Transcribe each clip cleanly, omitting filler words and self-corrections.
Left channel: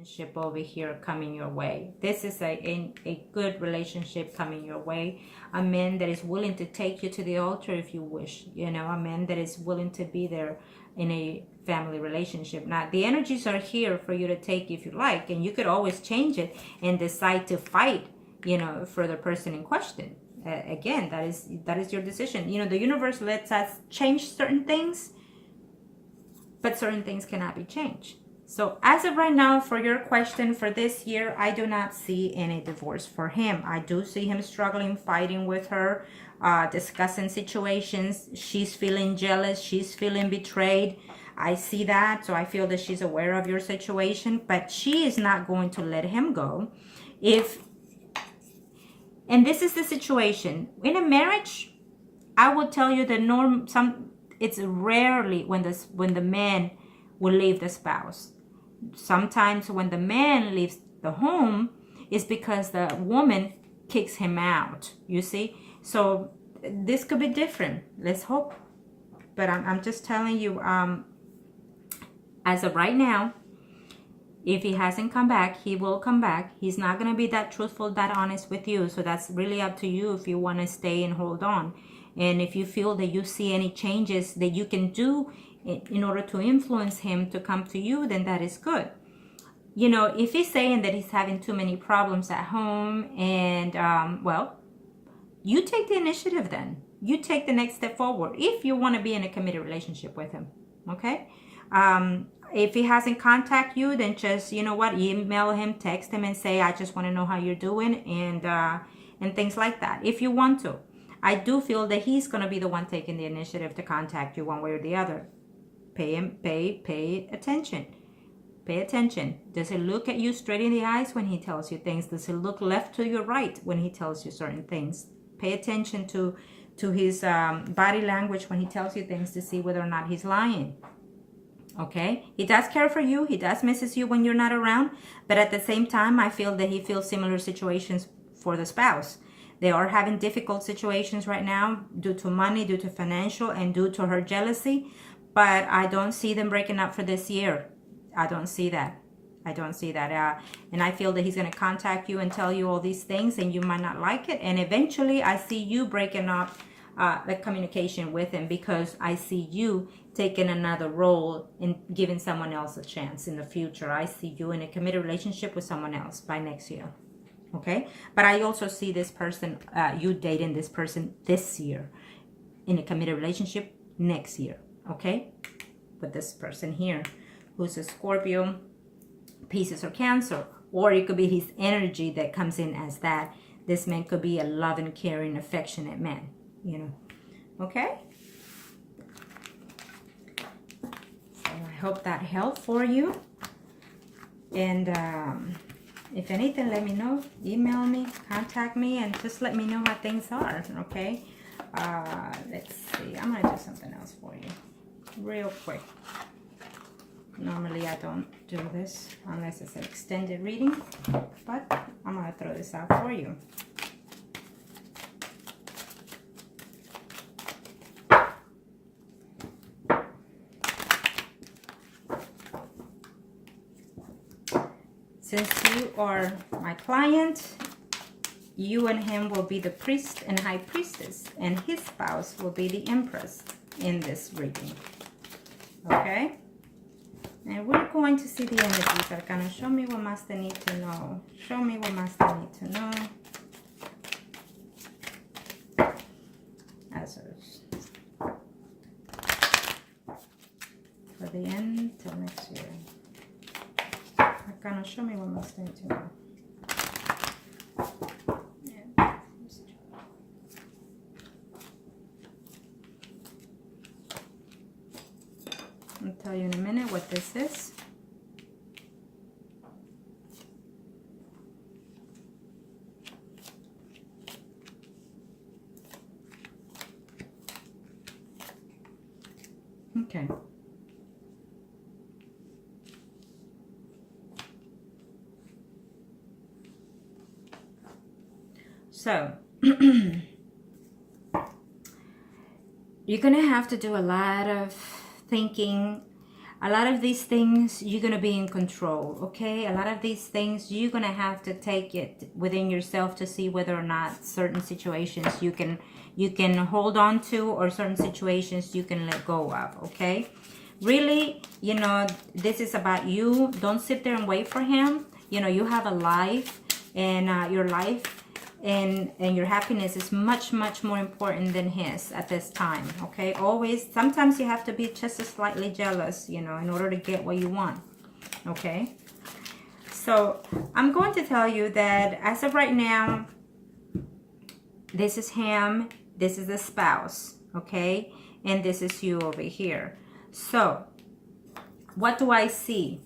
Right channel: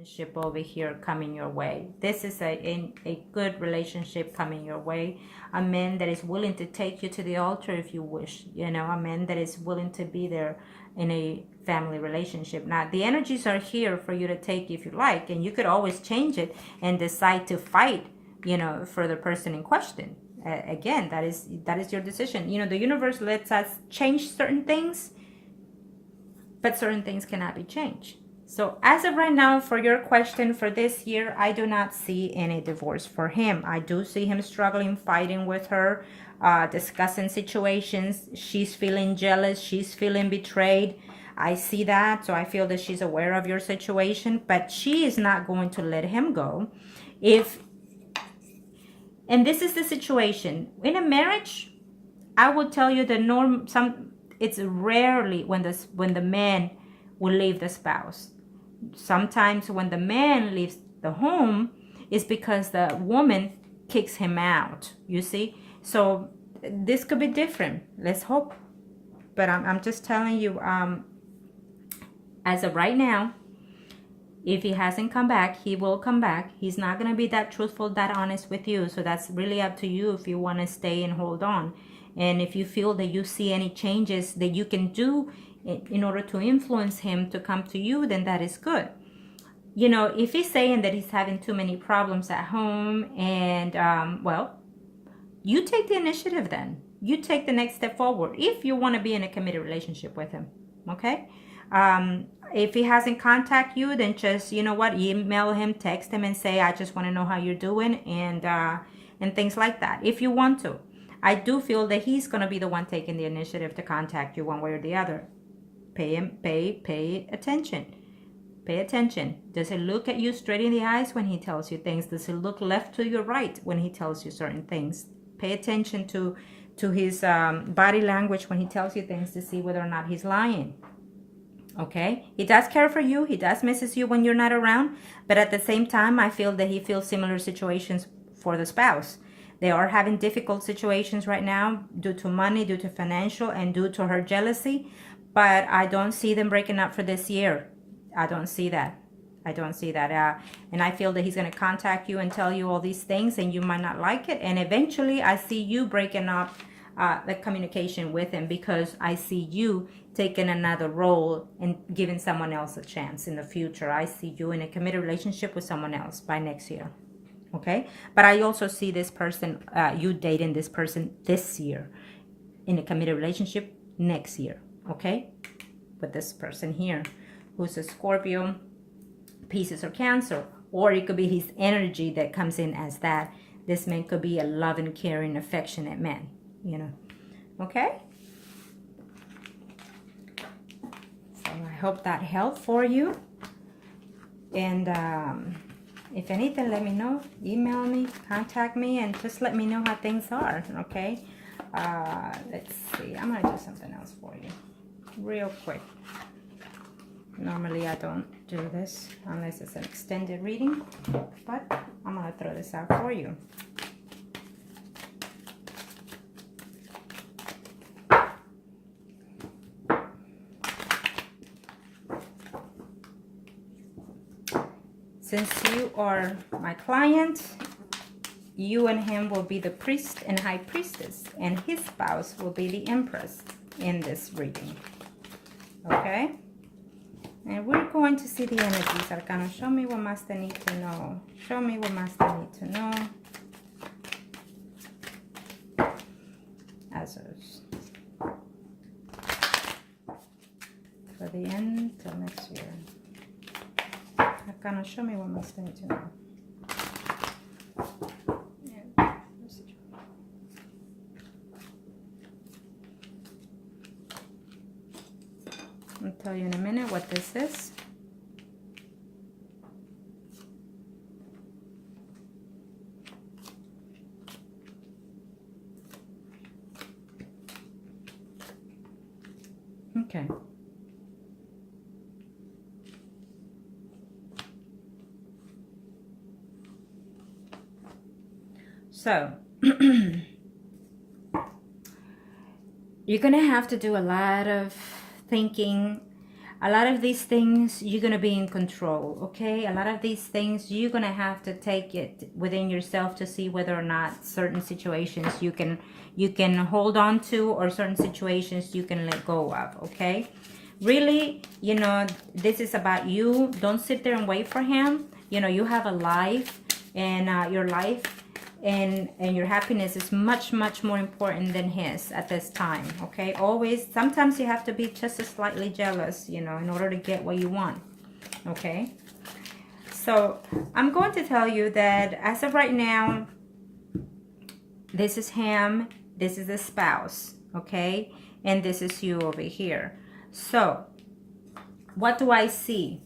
relationship over here coming your way. This is a good relationship coming your way. A man that is willing to take you to the altar if you wish. You know, a man that is willing to be there in a family relationship. Now, the energies are here for you to take if you like, and you could always change it and decide to fight, you know, for the person in question. Again, that is your decision. You know, the universe lets us change certain things, but certain things cannot be changed. So as of right now, for your question for this year, I do not see any divorce for him. I do see him struggling, fighting with her, discussing situations. She's feeling jealous. She's feeling betrayed. I see that. So I feel that she's aware of your situation, but she is not going to let him go. And this is the situation. In a marriage, I will tell you the norm, it's rarely when the man will leave the spouse. Sometimes when the man leaves the home, is because the woman kicks him out. You see, so this could be different. Let's hope. But I'm just telling you, as of right now, if he hasn't come back, he will come back. He's not going to be that truthful, that honest with you. So that's really up to you if you want to stay and hold on. And if you feel that you see any changes that you can do in order to influence him to come to you, then that is good. You know, if he's saying that he's having too many problems at home, and well, you take the initiative then. You take the next step forward if you want to be in a committed relationship with him. Okay? If he hasn't contacted you, then just, you know what, email him, text him, and say, I just want to know how you're doing, and things like that, if you want to. I do feel that he's going to be the one taking the initiative to contact you one way or the other. Pay attention. Pay attention. Does he look at you straight in the eyes when he tells you things? Does he look left to your right when he tells you certain things? Pay attention to his body language when he tells you things to see whether or not he's lying. Okay? He does care for you. He does misses you when you're not around. But at the same time, I feel that he feels similar situations for the spouse. They are having difficult situations right now due to money, due to financial, and due to her jealousy. But I don't see them breaking up for this year. I don't see that. I don't see that. And I feel that he's going to contact you and tell you all these things, and you might not like it. And eventually, I see you breaking up the communication with him, because I see you taking another role and giving someone else a chance in the future. I see you in a committed relationship with someone else by next year. Okay? But I also see this person, you dating this person this year, in a committed relationship next year. Okay? But this person here, who's a Scorpio, Pisces, or Cancer, or it could be his energy that comes in as that. This man could be a loving, caring, affectionate man, you know. Okay? So I hope that helped for you. And if anything, let me know. Email me, contact me, and just let me know how things are. Okay? Let's see. I'm going to do something else for you real quick. Normally I don't do this unless it's an extended reading, but I'm going to throw this out for you. Since you are my client, you and him will be the priest and high priestess, and his spouse will be the empress in this reading. Okay? And we're going to see the energies, Arcana. Show me what must I need to know. Show me what must I need to know. Azos. For the end till next year. Arcana, show me what must I need to know. I'll tell you in a minute what this is. Okay. So, you're going to have to do a lot of thinking. A lot of these things you're going to be in control, okay? A lot of these things you're going to have to take it within yourself to see whether or not certain situations you can hold on to, or certain situations you can let go of, okay? Really, you know, this is about you. Don't sit there and wait for him. You know, you have a life, and your life and your happiness is much more important than his at this time, okay? Always, sometimes you have to be just slightly jealous, you know, in order to get what you want, okay? So I'm going to tell you that as of right now, this is him, this is the spouse, okay? And this is you over here. So what do I see?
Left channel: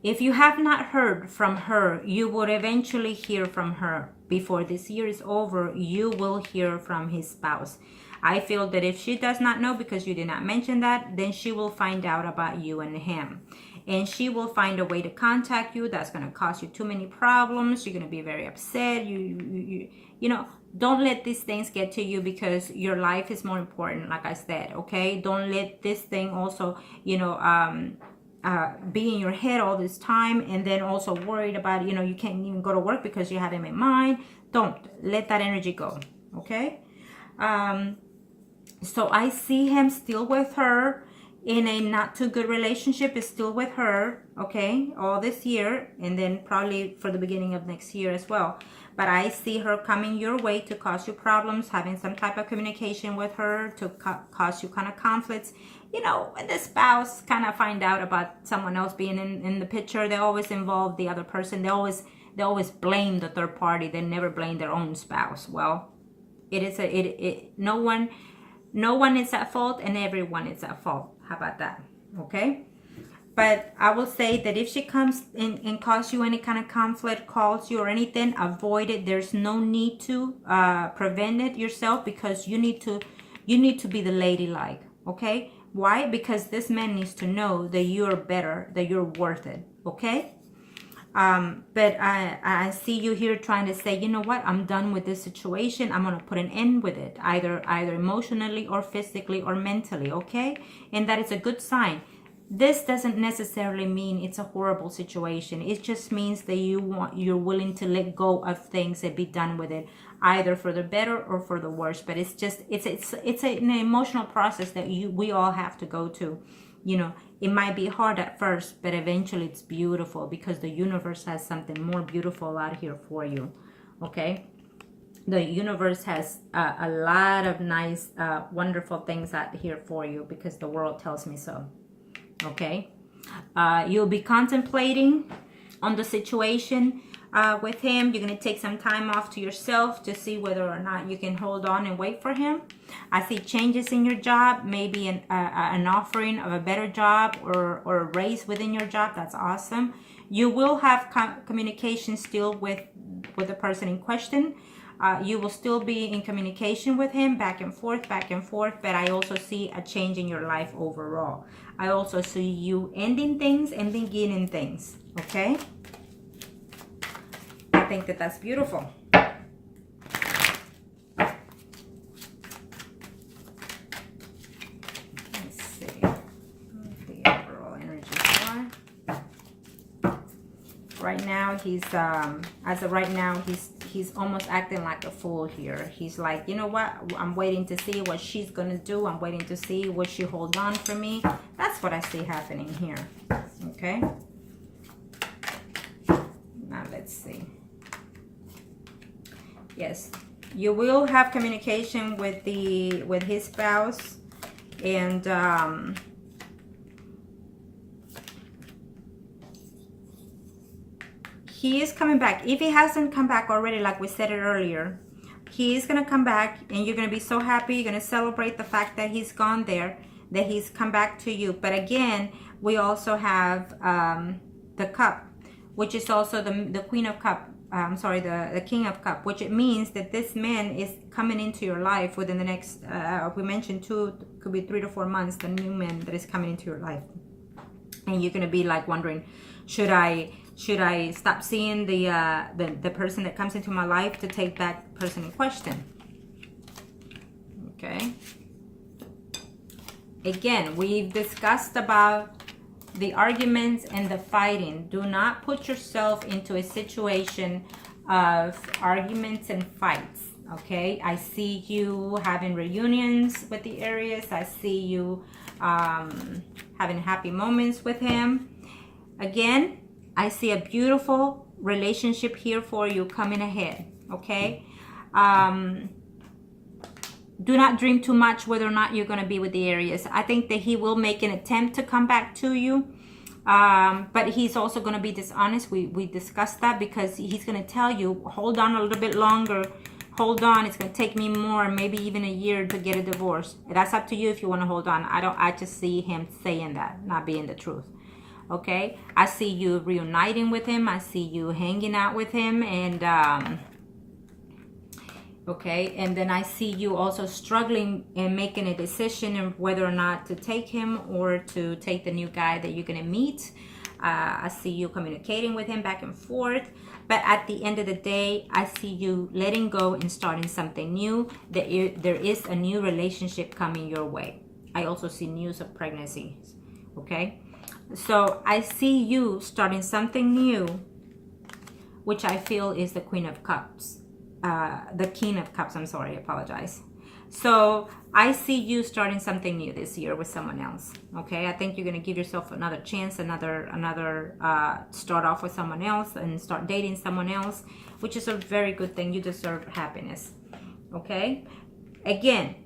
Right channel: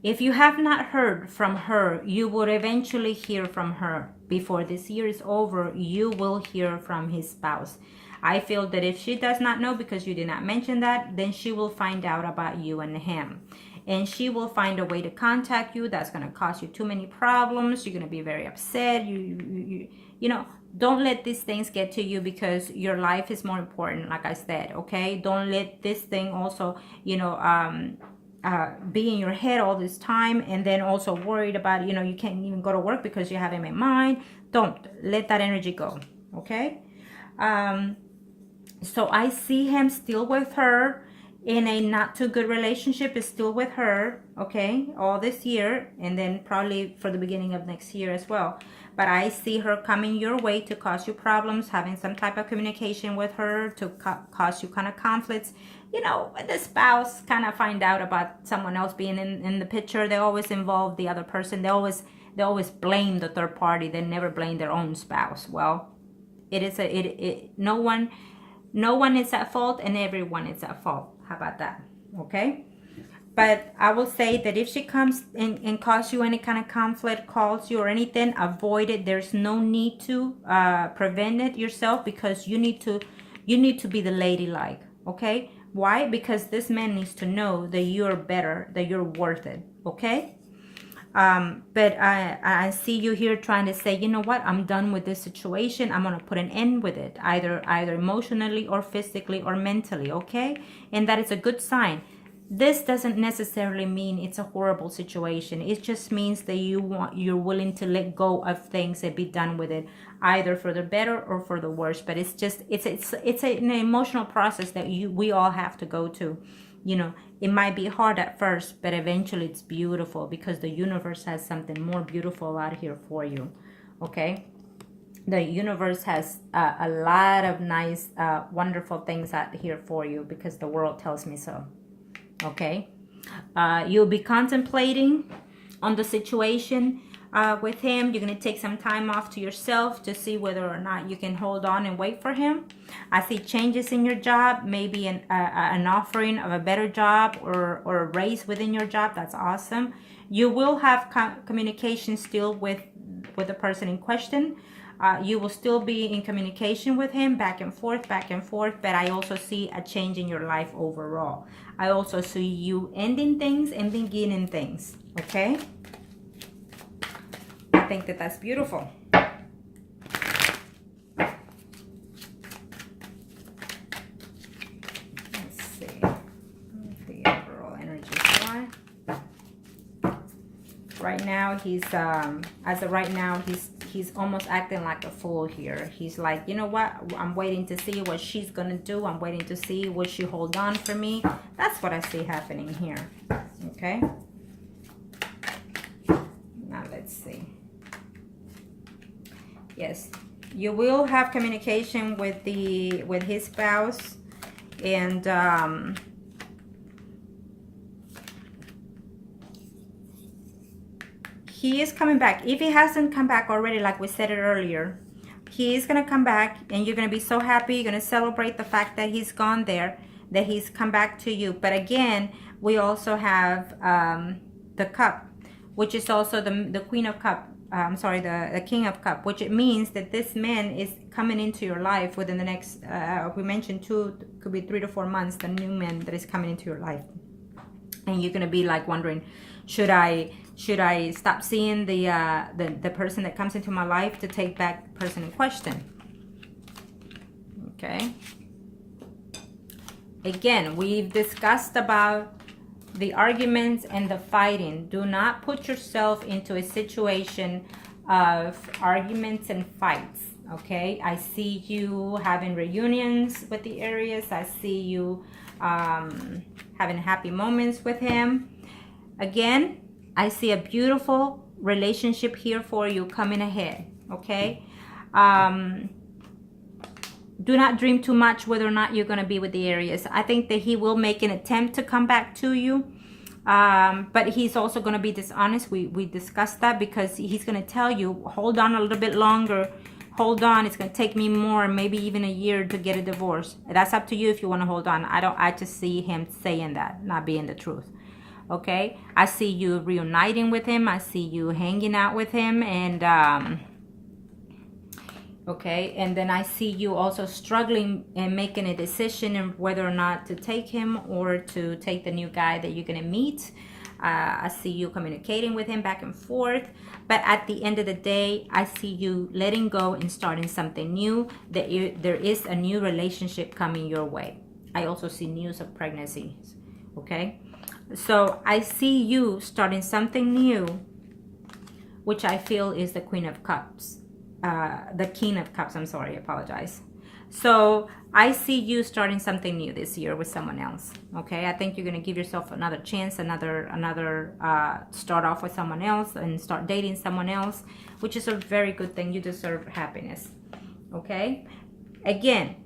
If you have not heard from her, you would eventually hear from her. Before this year is over, you will hear from his spouse. I feel that if she does not know, because you did not mention that, then she will find out about you and him. And she will find a way to contact you. That's going to cause you too many problems. You're going to be very upset. You know, don't let these things get to you, because your life is more important, like I said, okay? Don't let this thing also, you know, be in your head all this time, and then also worried about, you know, you can't even go to work because you have him in mind. Don't let that energy go, okay? So I see him still with her in a not too good relationship, is still with her, okay, all this year, and then probably for the beginning of next year as well. But I see her coming your way to cause you problems, having some type of communication with her to cause you kind of conflicts. You know, when the spouse kind of find out about someone else being in the picture, they always involve the other person. They always blame the third party. They never blame their own spouse. Well, it is no one is at fault, and everyone is at fault. How about that? Okay. But I will say that if she comes in and cause you any kind of conflict, calls you or anything, avoid it. There's no need to prevent it yourself, because you need to be the ladylike, okay? Why? Because this man needs to know that you're better, that you're worth it, okay? But I see you here trying to say, you know what? I'm done with this situation. I'm going to put an end with it, either emotionally or physically or mentally, okay? And that is a good sign. This doesn't necessarily mean it's a horrible situation. It just means that you're willing to let go of things and be done with it, either for the better or for the worse. But it's just it's an emotional process that we all have to go to. You know, it might be hard at first, but eventually it's beautiful, because the universe has something more beautiful out here for you. Okay, the universe has a lot of nice, wonderful things out here for you, because the world tells me so. Okay, you'll be contemplating on the situation with him. You're going to take some time off to yourself to see whether or not you can hold on and wait for him. I see changes in your job, maybe an offering of a better job, or a raise within your job. That's awesome. You will have communication still with the person in question. You will still be in communication with him, back and forth, but I also see a change in your life overall. I also see you ending things and beginning things, okay? I think that that's beautiful. Let's see what the overall energy are. Right now, he's, as of right now, he's almost acting like a fool here. He's like, you know what? I'm waiting to see what she's going to do. I'm waiting to see what she hold on for me. That's what I see happening here. Okay. Now let's see. Yes, you will have communication with his spouse, and he is coming back. If he hasn't come back already, like we said it earlier, he is going to come back, and you're going to be so happy. You're going to celebrate the fact that he's gone there, that he's come back to you. But again, we also have the cup, which is also the Queen of Cup. The King of Cup, which it means that this man is coming into your life within the next, we mentioned could be 3 to 4 months, the new man that is coming into your life. And you're going to be like wondering, should I stop seeing the person that comes into my life to take that person in question? Okay. Again, we've discussed about the arguments and the fighting. Do not put yourself into a situation of arguments and fights. Okay, I see you having reunions with the Aries. I see you having happy moments with him. Again, I see a beautiful relationship here for you coming ahead. Okay, do not dream too much whether or not you're going to be with the Aries. I think that he will make an attempt to come back to you. But he's also going to be dishonest. We discussed that, because he's going to tell you, hold on a little bit longer. Hold on. It's going to take me more, maybe even a year to get a divorce. That's up to you if you want to hold on. I just see him saying that, not being the truth. Okay. I see you reuniting with him. I see you hanging out with him. And, okay, and then I see you also struggling and making a decision in whether or not to take him or to take the new guy that you're going to meet. I see you communicating with him back and forth. But at the end of the day, I see you letting go and starting something new. There is a new relationship coming your way. I also see news of pregnancies. Okay, so I see you starting something new, which I feel is the Queen of Cups. The King of Cups, I'm sorry, I apologize. So I see you starting something new this year with someone else. Okay, I think you're going to give yourself another chance, another start off with someone else and start dating someone else, which is a very good thing. You deserve happiness. Okay, again,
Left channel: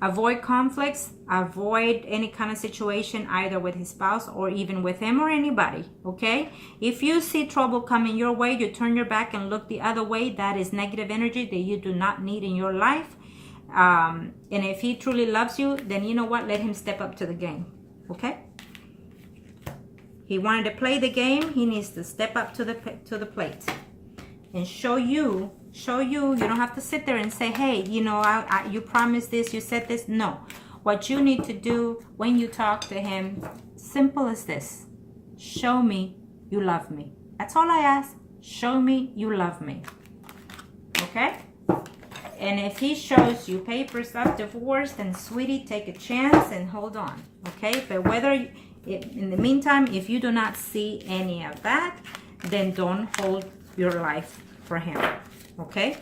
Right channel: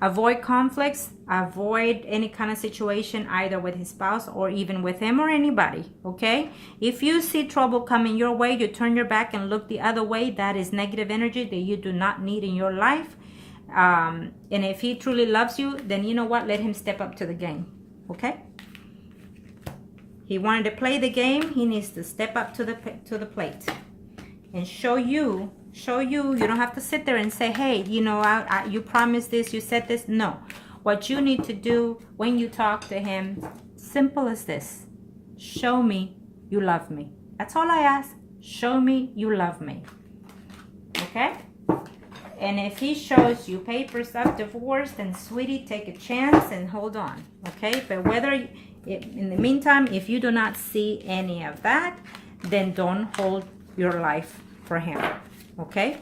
avoid conflicts, avoid any kind of situation either with his spouse or even with him or anybody. Okay, if you see trouble coming your way, you turn your back and look the other way. That is negative energy that you do not need in your life. And if he truly loves you, then you know what, let him step up to the game. Okay, he wanted to play the game. He needs to step up to the plate and show you. You don't have to sit there and say, hey, you know, you promised this, you said this. No, what you need to do when you talk to him, simple as this: show me you love me. That's all I ask. Show me you love me. Okay, and if he shows you papers of divorce, then sweetie, take a chance and hold on. Okay, but in the meantime, if you do not see any of that, then don't hold your life for him. Okay,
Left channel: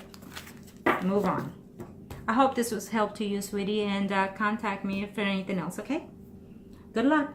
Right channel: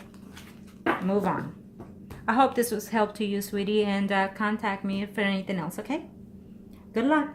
move on. I hope this was help to you, sweetie, and contact me for anything else. Okay, good luck.